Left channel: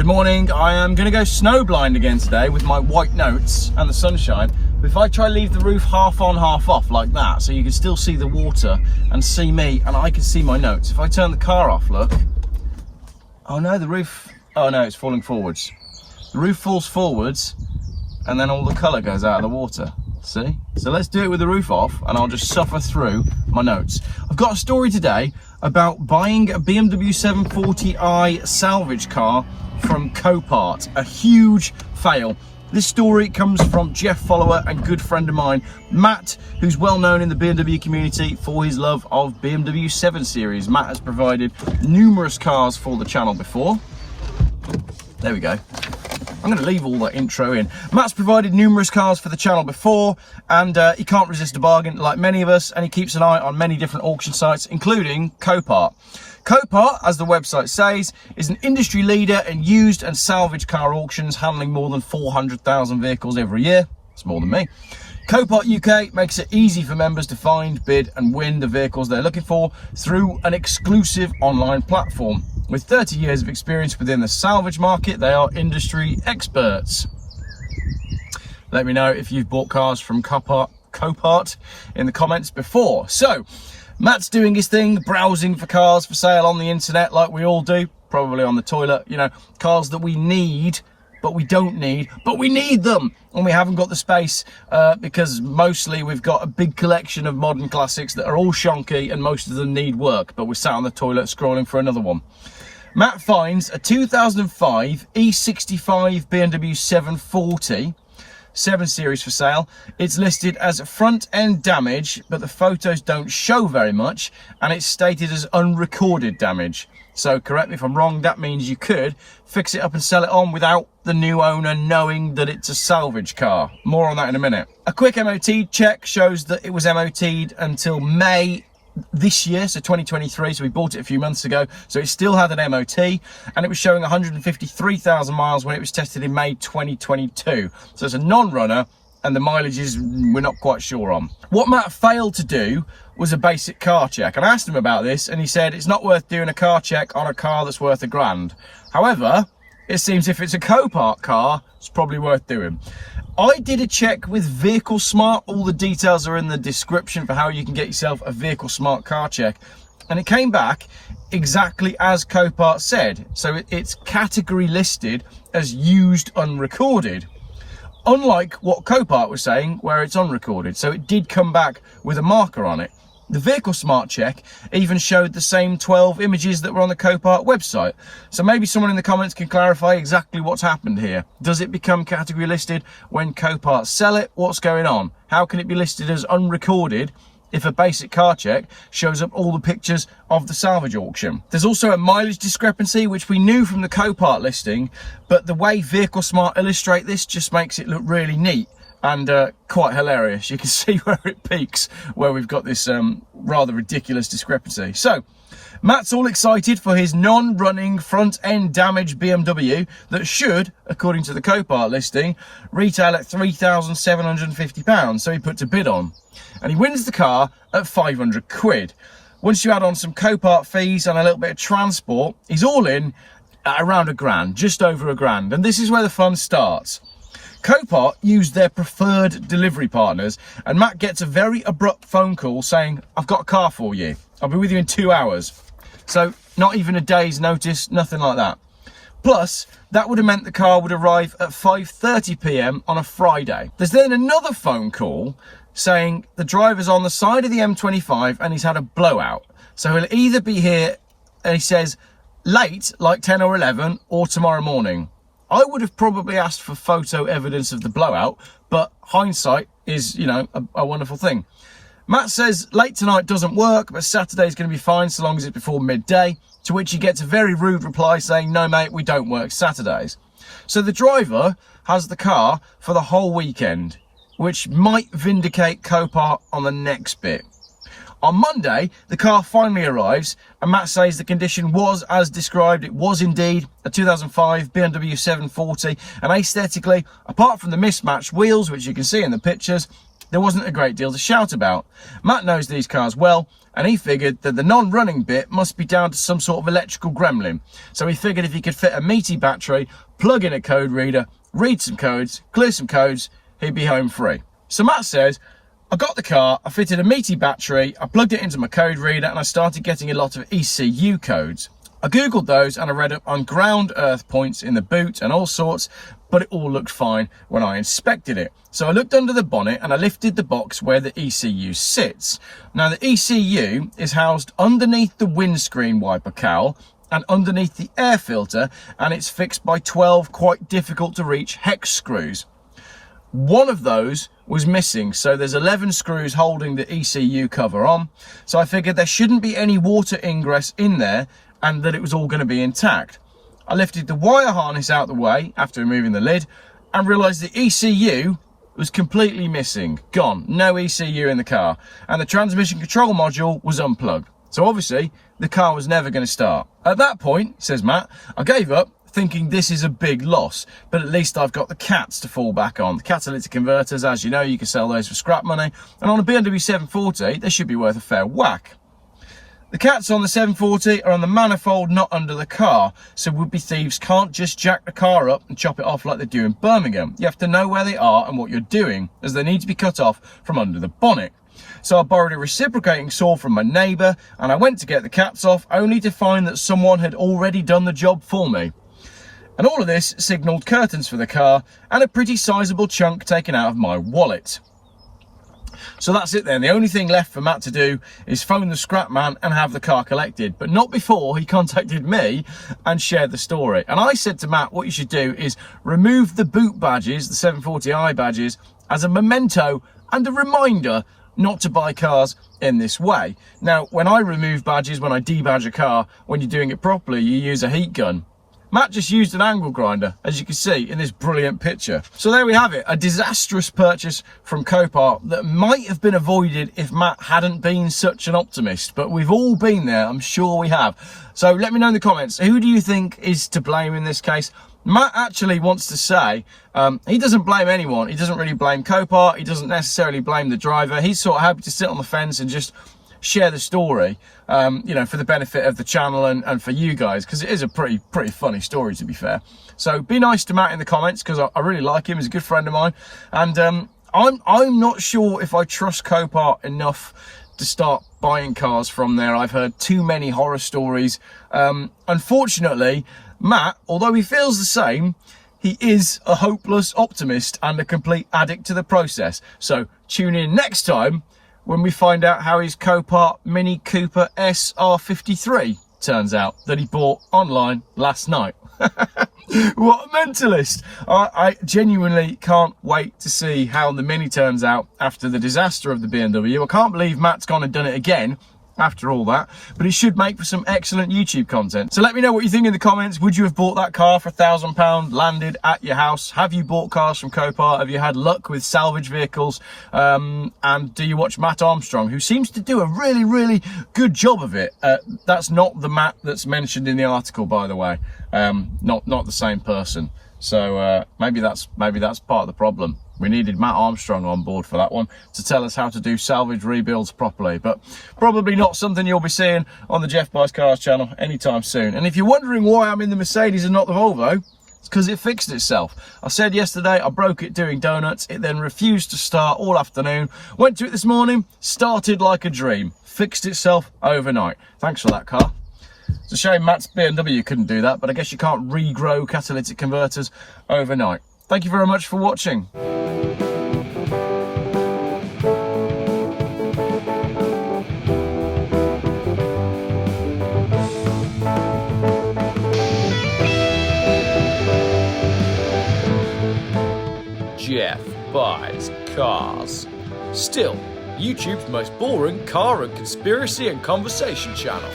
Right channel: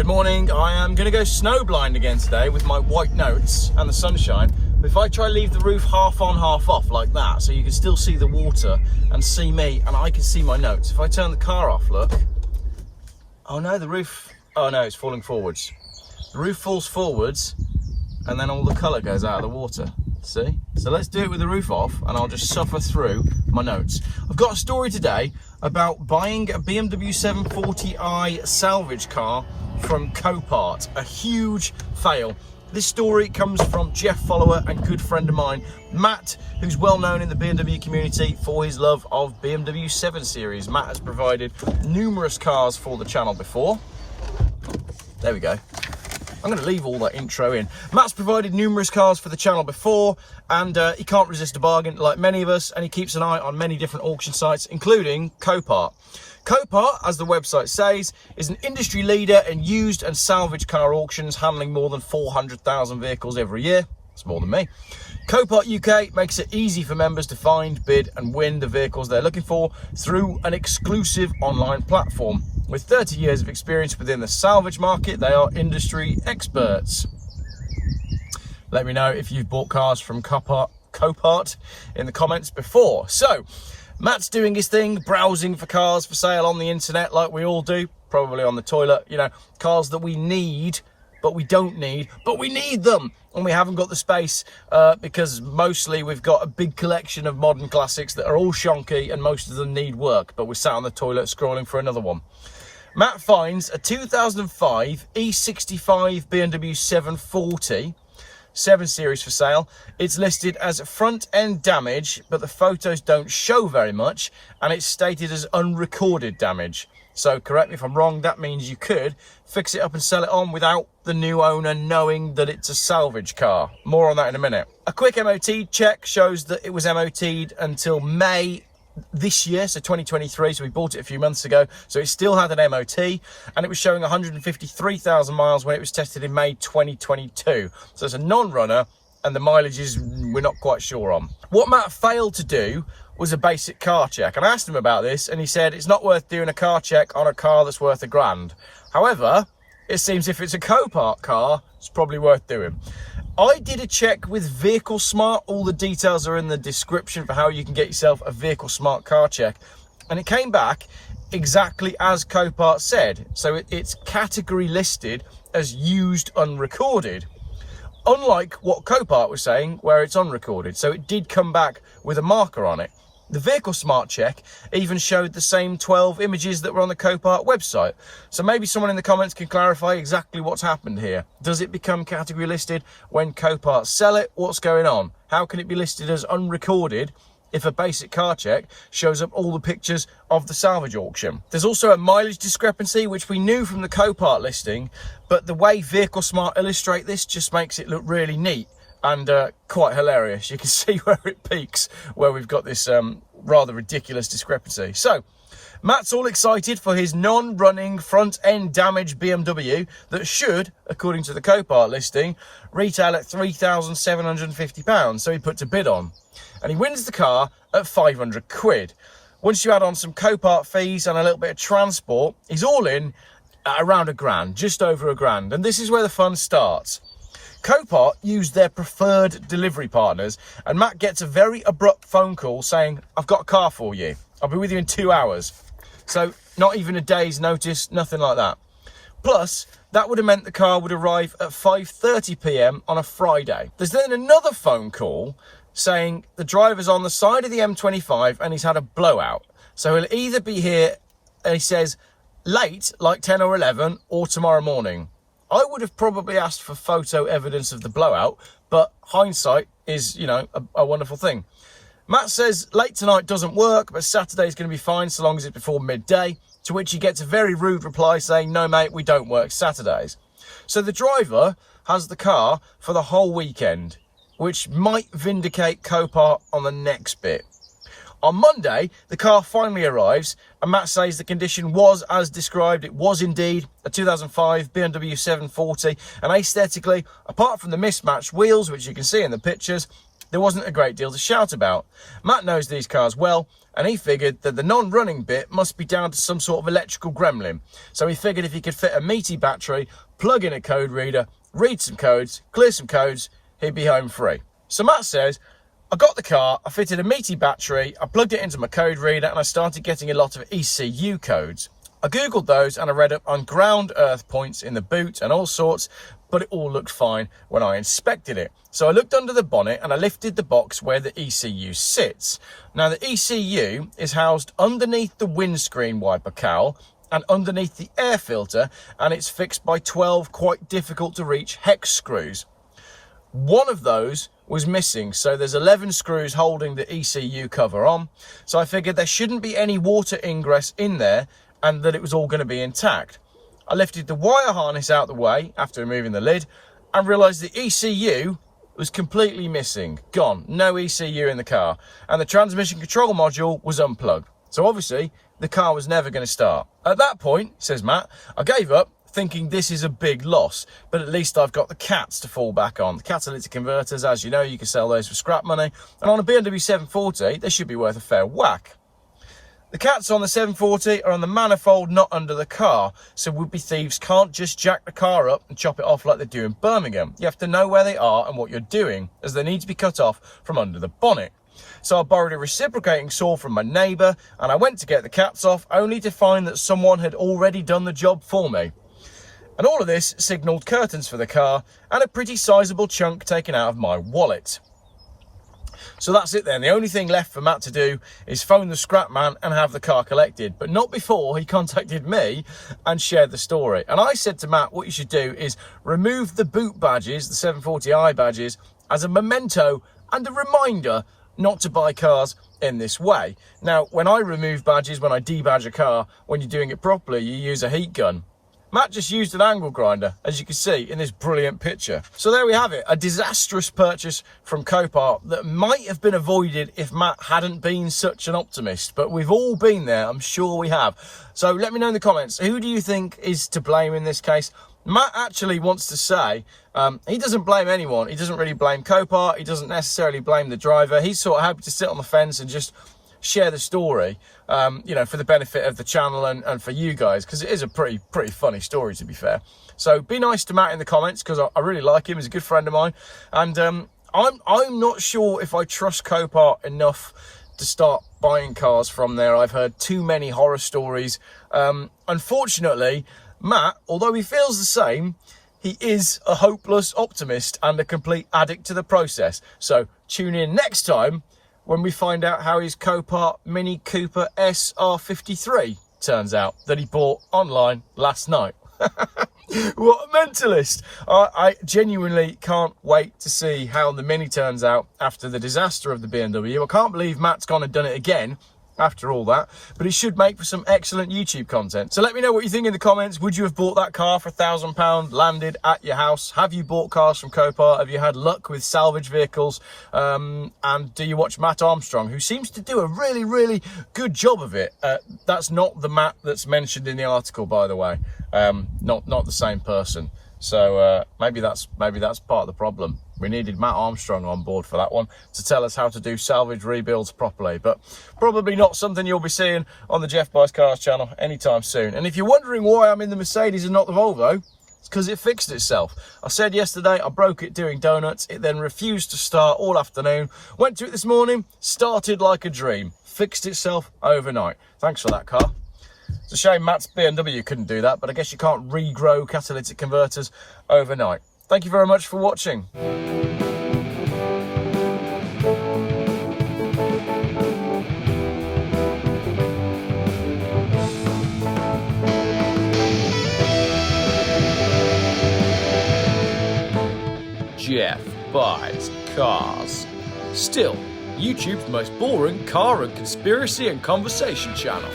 Good morning. I am going to go snowblind again today with my white notes and the sunshine. But if I try to leave the roof half on, half off like that, so you can still see the water and see me and I can see my notes. If I turn the car off, look. Oh no, the roof, oh no, it's falling forwards. The roof falls forwards and then all the colour goes out of the water. See? So let's do it with the roof off and I'll just suffer through my notes. I've got a story today about buying a BMW 740i salvage car from Copart. A huge fail. This story comes from Geoff follower and good friend of mine, Matt, who's well known in the BMW community for his love of BMW 7 Series. Matt has provided numerous cars for the channel before. There we go. I'm going to leave all that intro in. Matt's provided numerous cars for the channel before, and he can't resist a bargain like many of us, and he keeps an eye on many different auction sites, including Copart. Copart, as the website says, is an industry leader in used and salvage car auctions, handling more than 400,000 vehicles every year. It's more than me. Copart UK makes it easy for members to find, bid and win the vehicles they're looking for through an exclusive online platform. With 30 years of experience within the salvage market, they are industry experts. Let me know if you've bought cars from Copart in the comments before. So, Matt's doing his thing, browsing for cars for sale on the internet like we all do, probably on the toilet, you know, cars that we need, but we don't need, but we need them. And we haven't got the space because mostly we've got a big collection of modern classics that are all shonky and most of them need work, but we're sat on the toilet scrolling for another one. Matt finds a 2005 E65 BMW 740 7 Series for sale. It's listed as front end damage, but the photos don't show very much, and it's stated as unrecorded damage. So correct me if I'm wrong, that means you could fix it up and sell it on without the new owner knowing that it's a salvage car. More on that in a minute. A quick MOT check shows that it was MOT'd until May this year, so 2023, so we bought it a few months ago, so it still had an MOT, and it was showing 153,000 miles when it was tested in May 2022. So it's a non-runner, and the mileages we're not quite sure on. What Matt failed to do was a basic car check, and I asked him about this, and he said it's not worth doing a car check on a car that's worth £1,000. However, it seems if it's a Copart car, it's probably worth doing. I did a check with Vehicle Smart. All the details are in the description for how you can get yourself a Vehicle Smart car check. And it came back exactly as Copart said. So it's category listed as used unrecorded. Unlike what Copart was saying, where it's unrecorded. So it did come back with a marker on it. The Vehicle Smart check even showed the same 12 images that were on the Copart website. So maybe someone in the comments can clarify exactly what's happened here. Does it become category listed when Copart sell it? What's going on? How can it be listed as unrecorded if a basic car check shows up all the pictures of the salvage auction? There's also a mileage discrepancy, which we knew from the Copart listing, but the way Vehicle Smart illustrate this just makes it look really neat and quite hilarious. You can see where it peaks, where we've got this rather ridiculous discrepancy. So Matt's all excited for his non-running front-end damage BMW that should, according to the Copart listing, retail at £3,750. So he puts a bid on, and he wins the car at 500 quid. Once you add on some Copart fees and a little bit of transport, he's all in at around £1,000, just over £1,000. And this is where the fun starts. Copart used their preferred delivery partners, and Matt gets a very abrupt phone call saying, I've got a car for you. I'll be with you in 2 hours. So not even a day's notice, nothing like that. Plus, that would have meant the car would arrive at 5:30 p.m. on a Friday. There's then another phone call saying the driver's on the side of the M25 and he's had a blowout. So he'll either be here, and he says, late, like 10 or 11, or tomorrow morning. I would have probably asked for photo evidence of the blowout, but hindsight is, you know, a wonderful thing. Matt says late tonight doesn't work, but Saturday's going to be fine so long as it's before midday, to which he gets a very rude reply saying, no mate, we don't work Saturdays. So the driver has the car for the whole weekend, which might vindicate Copart on the next bit. On Monday, the car finally arrives, and Matt says the condition was as described. It was indeed a 2005 BMW 740, and aesthetically, apart from the mismatched wheels, which you can see in the pictures, there wasn't a great deal to shout about. Matt knows these cars well, and he figured that the non-running bit must be down to some sort of electrical gremlin. So he figured if he could fit a meaty battery, plug in a code reader, read some codes, clear some codes, he'd be home free. So Matt says, I got the car, I fitted a meaty battery, I plugged it into my code reader, and I started getting a lot of ECU codes. I googled those and I read up on ground earth points in the boot and all sorts, but it all looked fine when I inspected it. So I looked under the bonnet and I lifted the box where the ECU sits. Now the ECU is housed underneath the windscreen wiper cowl and underneath the air filter, and it's fixed by 12 quite difficult to reach hex screws. One of those was missing, so there's 11 screws holding the ECU cover on. So I figured there shouldn't be any water ingress in there and that it was all going to be intact. I lifted the wire harness out the way after removing the lid and realised the ECU was completely missing, gone, no ECU in the car, and the transmission control module was unplugged. So obviously the car was never going to start. At that point, says Matt, I gave up, thinking this is a big loss, but at least I've got the cats to fall back on. The catalytic converters, as you know, you can sell those for scrap money, and on a BMW 740 they should be worth a fair whack. The cats on the 740 are on the manifold, not under the car, so would-be thieves can't just jack the car up and chop it off like they do in Birmingham. You have to know where they are and what you're doing, as they need to be cut off from under the bonnet. So I borrowed a reciprocating saw from my neighbour and I went to get the cats off, only to find that someone had already done the job for me. And all of this signalled curtains for the car and a pretty sizable chunk taken out of my wallet. So that's it then. The only thing left for Matt to do is phone the scrap man and have the car collected, but not before he contacted me and shared the story. And I said to Matt, what you should do is remove the boot badges, the 740i badges, as a memento and a reminder not to buy cars in this way. Now, when I remove badges, when I debadge a car, when you're doing it properly, you use a heat gun. Matt just used an angle grinder, as you can see in this brilliant picture. So there we have it, a disastrous purchase from Copart that might have been avoided if Matt hadn't been such an optimist, but we've all been there, I'm sure we have. So let me know in the comments, who do you think is to blame in this case? Matt actually wants to say he doesn't blame anyone. He doesn't really blame Copart, he doesn't necessarily blame the driver. He's sort of happy to sit on the fence and just share the story, you know, for the benefit of the channel and for you guys, because it is a pretty funny story, to be fair. So be nice to Matt in the comments, because I really like him. He's a good friend of mine, and I'm not sure if I trust Copart enough to start buying cars from there. I've heard too many horror stories. Unfortunately, Matt, although he feels the same, he is a hopeless optimist and a complete addict to the process. So tune in next time when we find out how his Copart Mini Cooper SR53 turns out that he bought online last night. What a mentalist! I genuinely can't wait to see how the Mini turns out after the disaster of the BMW. I can't believe Matt's gone and done it again after all that, but it should make for some excellent YouTube content. So let me know what you think in the comments. Would you have bought that car for £1,000 landed at your house? Have you bought cars from Copart? Have you had luck with salvage vehicles? And do you watch Matt Armstrong, who seems to do a really good job of it? That's not the Matt that's mentioned in the article, by the way. Not the same person. So maybe that's part of the problem. We needed Matt Armstrong on board for that one to tell us how to do salvage rebuilds properly, but probably not something you'll be seeing on the Geoff Buys Cars channel anytime soon. And if you're wondering why I'm in the Mercedes and not the Volvo, it's because it fixed itself. I said yesterday I broke it doing donuts. It then refused to start all afternoon. Went to it this morning, started like a dream. Fixed itself overnight. Thanks for that, car. It's a shame Matt's BMW couldn't do that, but I guess you can't regrow catalytic converters overnight. Thank you very much for watching. Geoff Buys Cars. Still, YouTube's most boring car and conspiracy and conversation channel.